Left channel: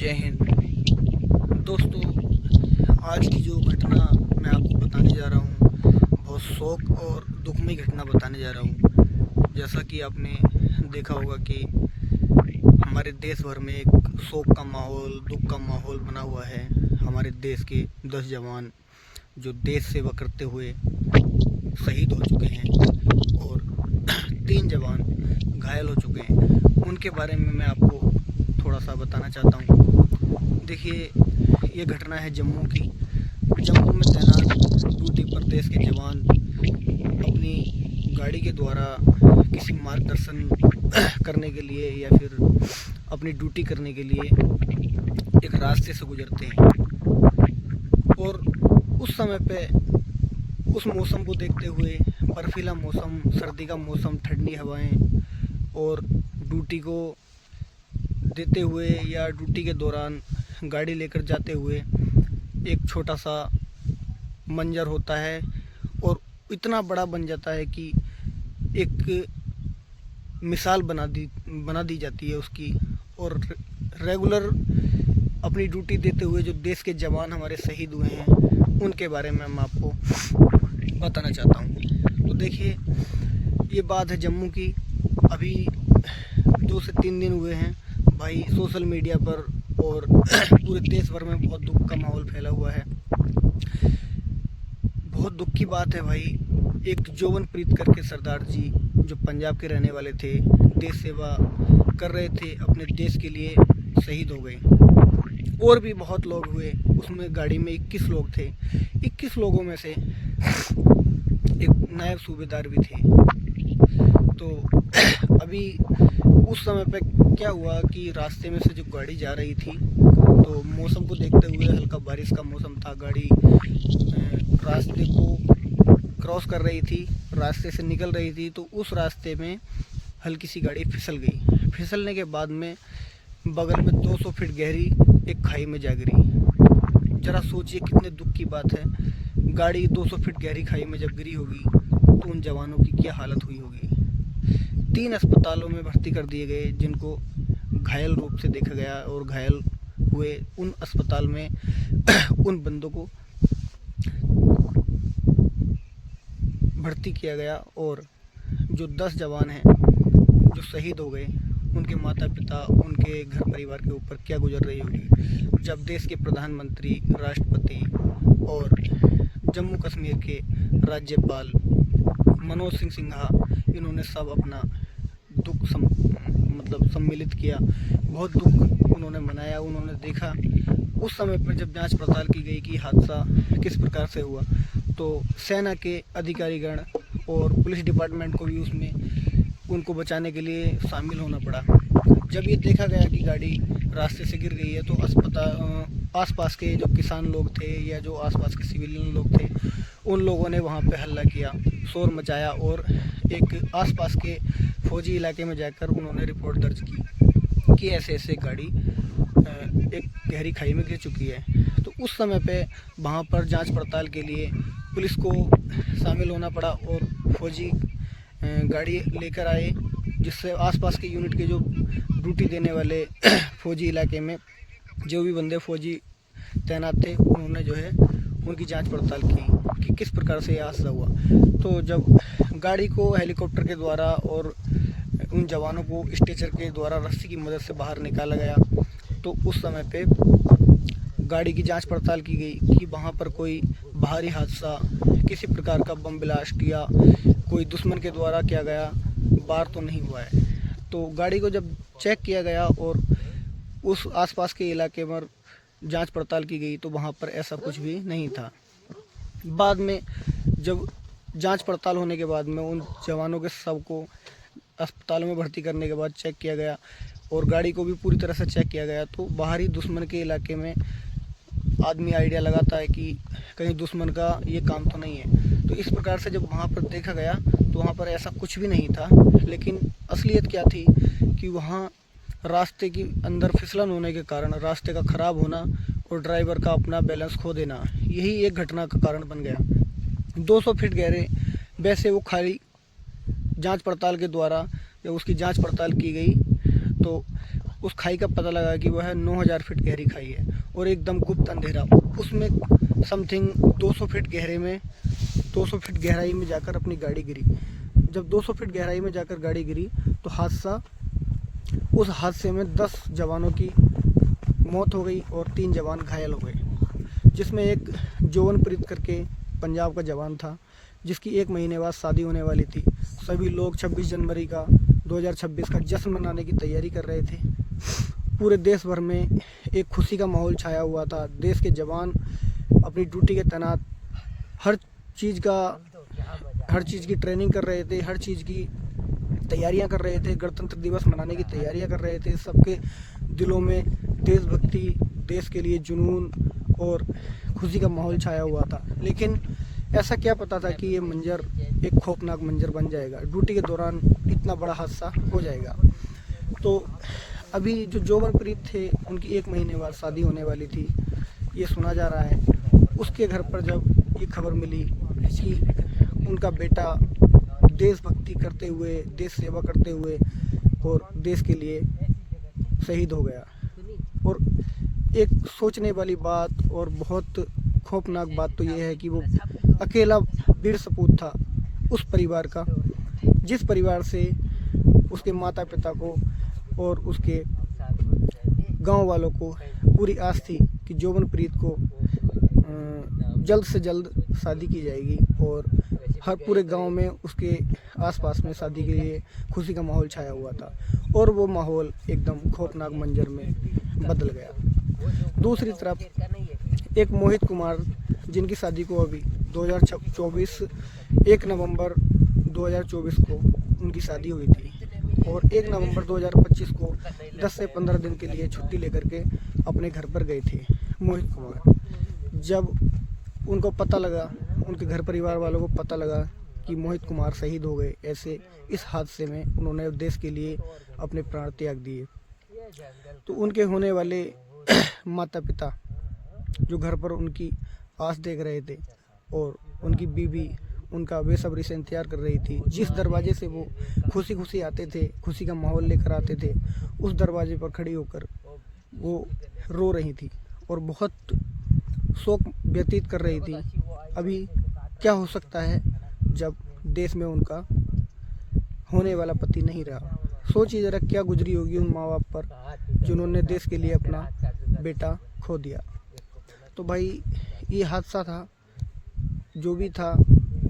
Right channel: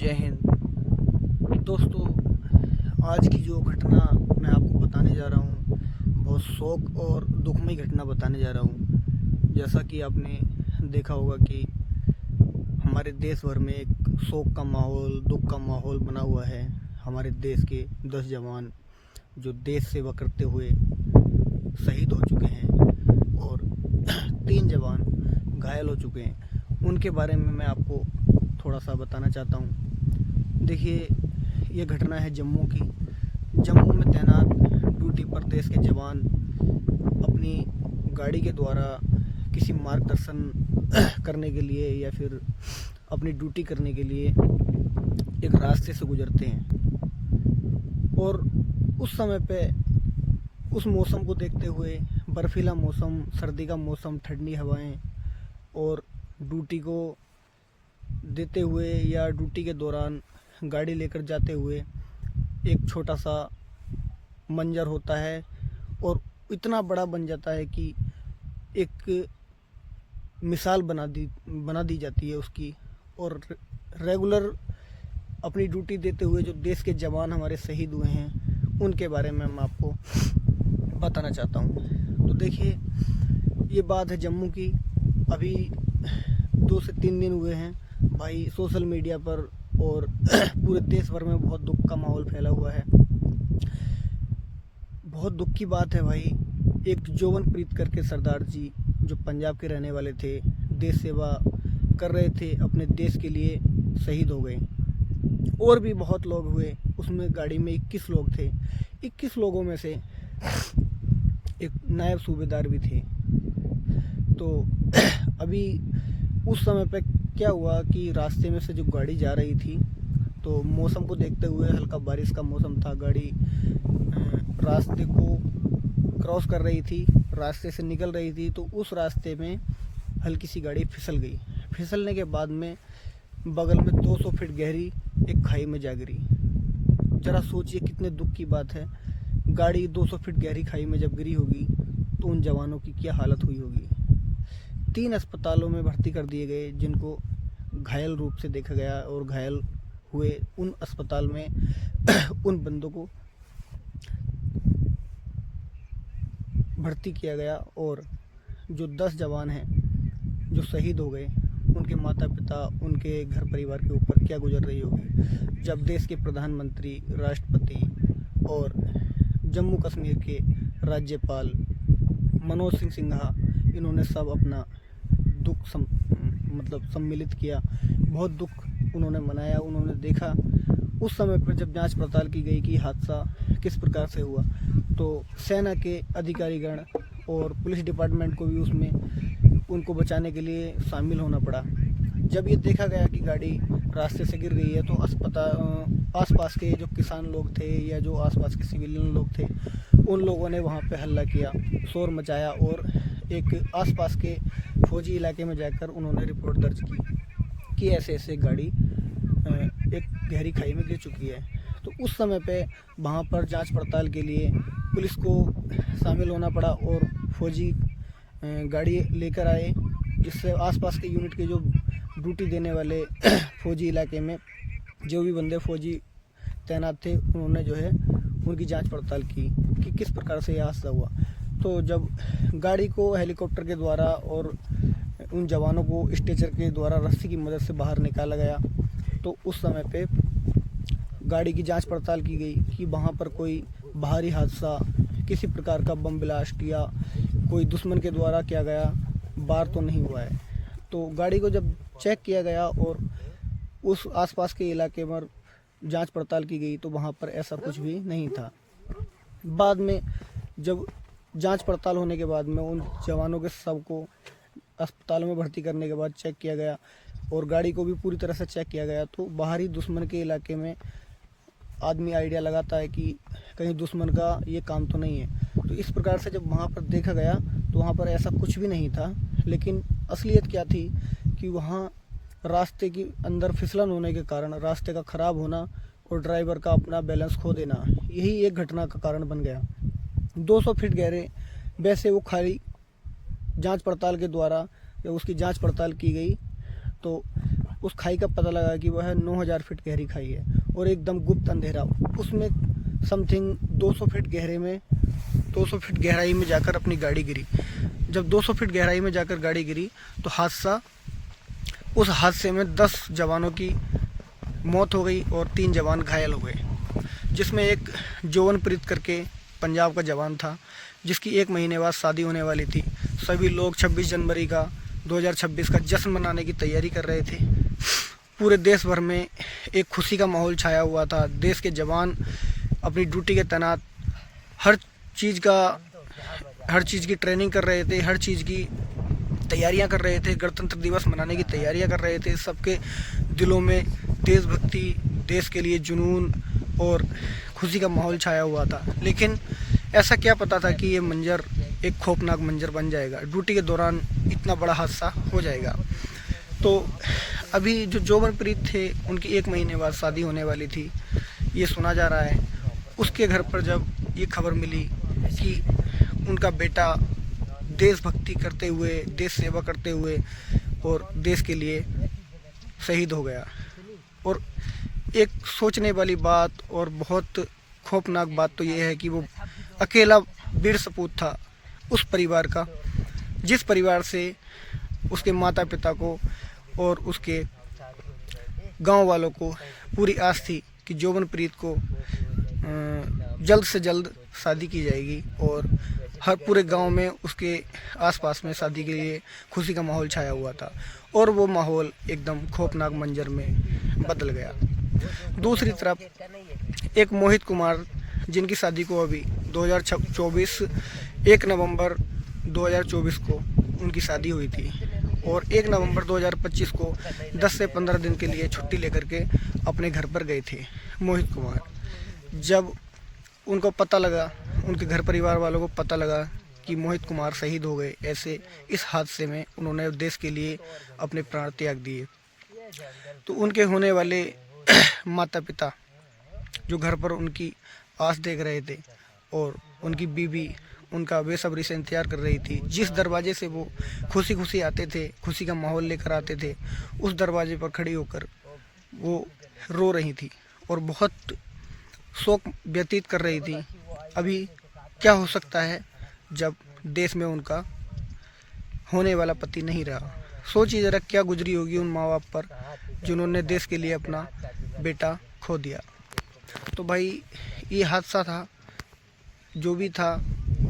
जय हिंद दोस्तों। आज की जो घटना मैं आपको बताने जा रहा हूँ, बहुत शोक और दुखमयी घटना बताने जा रहा हूँ। जैसा कि आपने देखा होगा कि हमारे देश भर में एक शोक का माहौल, दुख का माहौल बना हुआ है। हमारे देश के 10 जवान जो देश सेवा करते हुए शहीद हो चुके हैं और 3 जवान घायल हो चुके हैं। उनके बारे में मैं आपको थोड़ा सा बताना चाहता हूँ। देखिए, ये घटना है जम्मू की। जम्मू में तैनात ड्यूटी पर देश के जवान अपनी गाड़ी के द्वारा किसी मार्गदर्शन करने के लिए या फिर अपनी ड्यूटी करने के लिए एक रास्ते से गुजरते हैं और उस समय पे उस मौसम को देखते हुए, बर्फीला मौसम, सर्दी का मौसम, ठंडी हवाएं और ड्यूटी को देते हुए या ड्यूटी के दौरान गाड़ी लेकर जाते हुए एक छोटा सा मंजर होता है और इतना बड़ा बन जाता है कि एक मिसाल बना दी जाती है उसकी। और रेगुलर अपनी ड्यूटी देते हुए जो देश के जवान हमारे शहीद हुए हैं, उनके बारे में मैं आपको बताना चाहता हूँ। तो देखिए, ये बात है जम्मू की। अभी 2 से 3 दिन हुए हैं भाई। सोशल मीडिया पर और पूरे देश भर में बहुत दुख का माहौल फैला हुआ है। बहुत दुख की बात है भाई। एक जोवनप्रीत करके सरदार जी, जो पंजाब के रहने वाले थे, देश सेवा कर रहे थे, अपने देश के लिए शहीद हो गए। और भी बहुत लोग हुए। उसमें गाड़ी में 21 लोग थे। 21 लोगों में से एक नायब सूबेदार भी थे। तो अभी उस समय पे क्या हुआ कि रास्ते में से जो गाड़ी जा रही थी, तो मौसम को देखते हुए, हल्का बारिश का मौसम था, गाड़ी रास्ते को क्रॉस कर रही थी, रास्ते से निकल रही थी। तो उस रास्ते में हल्की सी गाड़ी फिसल गई। फिसलने के बाद में बगल में 200 फीट गहरी एक खाई में जा गिरी। ज़रा सोचिए कितने दुख की बात है। गाड़ी 200 फीट गहरी खाई में जब गिरी होगी तो उन जवानों की क्या हालत हुई होगी। 3 अस्पतालों में भर्ती कर दिए गए, जिनको घायल रूप से देखा गया, और घायल हुए उन अस्पताल में उन बंदों को भर्ती किया गया। और जो 10 जवान हैं जो शहीद हो गए, उनके माता पिता, उनके घर परिवार के ऊपर क्या गुजर रही होगी जब देश के प्रधानमंत्री, राष्ट्रपति और जम्मू कश्मीर के राज्यपाल मनोज सिंह सिन्हा, इन्होंने सब अपना दुख सम्मिलित किया। बहुत दुख उन्होंने मनाया। उन्होंने देखा उस समय पर जब जांच पड़ताल की गई कि हादसा किस प्रकार से हुआ, तो सेना के अधिकारीगण और पुलिस डिपार्टमेंट को भी उसमें उनको बचाने के लिए शामिल होना पड़ा। जब ये देखा गया कि गाड़ी रास्ते से गिर गई है, तो आसपास के जो किसान लोग थे या जो आसपास के सिविलियन लोग थे, उन लोगों ने वहाँ पे हल्ला किया, शोर मचाया और एक आसपास के फौजी इलाके में जाकर उन्होंने रिपोर्ट दर्ज की कि ऐसे ऐसे गाड़ी एक गहरी खाई में गिर चुकी है। तो उस समय पे वहाँ पर जांच पड़ताल के लिए पुलिस को शामिल होना पड़ा और फौजी गाड़ी लेकर आए, जिससे आसपास के यूनिट के जो ड्यूटी देने वाले फौजी इलाके में जो भी बंदे फौजी तैनात थे, उन्होंने जो है उनकी जांच पड़ताल की कि किस प्रकार से यह हादसा हुआ। तो जब गाड़ी को हेलीकॉप्टर के द्वारा और उन जवानों को स्ट्रेचर के द्वारा रस्सी की मदद से बाहर निकाला गया, तो उस समय पे गाड़ी की जांच पड़ताल की गई कि वहाँ पर कोई बाहरी हादसा, किसी प्रकार का बम ब्लास्ट या कोई दुश्मन के द्वारा किया गया वार तो नहीं हुआ है। तो गाड़ी को जब चेक किया गया और उस आसपास के इलाके में जांच पड़ताल की गई, तो वहाँ पर ऐसा कुछ भी नहीं था। बाद में जब जांच पड़ताल होने के बाद में उन जवानों के शव को अस्पताल में भर्ती करने के बाद चेक किया गया और गाड़ी को भी पूरी तरह से चेक किया गया, तो बाहरी दुश्मन के इलाके में आदमी आइडिया लगाता है कि कहीं दुश्मन का ये काम तो नहीं है। तो इस प्रकार से जब वहाँ पर देखा गया, तो वहाँ पर ऐसा कुछ भी नहीं था। लेकिन असलियत क्या थी कि वहाँ रास्ते के अंदर फिसलन होने के कारण, रास्ते का ख़राब होना और ड्राइवर का अपना बैलेंस खो देना, यही एक घटना का कारण बन गया। 200 फीट गहरे वैसे वो खाली जांच पड़ताल के द्वारा जब उसकी जांच पड़ताल की गई, तो उस खाई का पता लगा कि वह 9,000 फीट गहरी खाई है और एकदम गुप्त अंधेरा। उसमें समथिंग 200 फीट गहराई में जाकर अपनी गाड़ी गिरी। जब 200 फीट गहराई में जाकर गाड़ी गिरी तो उस हादसे में 10 जवानों की मौत हो गई और 3 जवान घायल हो गए, जिसमें एक जोवनप्रीत करके पंजाब का जवान था, जिसकी 1 महीने बाद शादी होने वाली थी। सभी लोग 26 जनवरी का 2026 का जश्न मनाने की तैयारी कर रहे थे। पूरे देश भर में एक खुशी का माहौल छाया हुआ था। देश के जवान अपनी ड्यूटी के तैनात हर चीज़ की ट्रेनिंग कर रहे थे, हर चीज़ की तैयारियां कर रहे थे, गणतंत्र दिवस मनाने की तैयारियां कर रहे थे। सबके दिलों में देशभक्ति, देश के लिए जुनून और खुशी का माहौल छाया हुआ था। लेकिन ऐसा क्या पता था कि ये मंजर एक खौफनाक मंजर बन जाएगा, ड्यूटी के दौरान इतना बड़ा हादसा हो जाएगा। तो अभी जो जोवनप्रीत थे, उनकी 1 महीने बाद शादी होने वाली थी, ये सुना जा रहा है। उसके घर पर जब ये खबर मिली कि उनका बेटा देशभक्ति करते हुए, देश सेवा करते हुए और देश के लिए शहीद हो गया, और एक सोचने वाली बात और बहुत खौफनाक बात तो ये है कि वो अकेला वीर सपूत था उस परिवार का, जिस परिवार से उसके माता पिता को और उसके गांव वालों को पूरी आस थी कि जोवनप्रीत को जल्द से जल्द शादी की जाएगी और हर पूरे गांव में उसके आसपास में शादी के लिए खुशी का माहौल छाया हुआ था, और वो माहौल एकदम खौफनाक मंजर में बदल गया। दूसरी तरफ एक मोहित कुमार, जिनकी शादी को अभी 2024 1 नवंबर 2024 को उनकी शादी हुई थी, और 1 नवंबर 2025 को 10 से 15 दिन के लिए छुट्टी लेकर के अपने घर पर गए थे मोहित कुमार। जब उनको पता लगा, उनके घर परिवार वालों को पता लगा कि मोहित कुमार शहीद हो गए, ऐसे इस हादसे में उन्होंने देश के लिए अपने प्राण त्याग दिए, तो उनके होने वाले माता पिता जो घर पर उनकी आस देख रहे थे, और उनकी बीवी उनका बेसब्री से इंतजार कर रही थी। जिस दरवाजे से वो खुशी खुशी आते थे, खुशी का माहौल लेकर आते थे, उस दरवाजे पर खड़ी होकर वो रो रही थी और बहुत शोक व्यतीत कर रही थी। अभी क्या हो सकता है जब देश में उनका होने वाला पति नहीं रहा। सोचिए ज़रा क्या गुजरी होगी उन माँ बाप पर जिन्होंने देश के लिए अपना बेटा खो दिया। तो भाई ये हादसा था, जो भी था,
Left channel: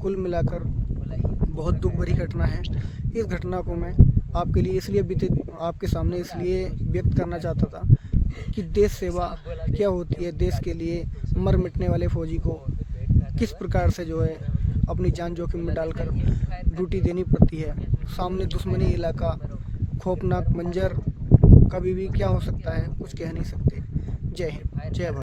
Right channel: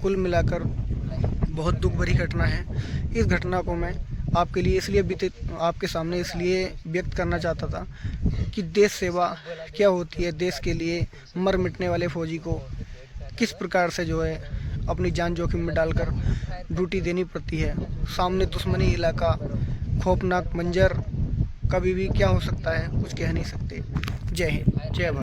कुल मिलाकर बहुत दुख भरी घटना है। इस घटना को मैं आपके सामने इसलिए व्यक्त करना चाहता था कि देश सेवा क्या होती है, देश के लिए मर मिटने वाले फौजी को किस प्रकार से जो है अपनी जान जोखिम में डालकर ड्यूटी देनी पड़ती है। सामने दुश्मनी इलाका, खौफनाक मंजर, कभी भी क्या हो सकता है कुछ कह नहीं सकते। जय हिंद, जय भारत।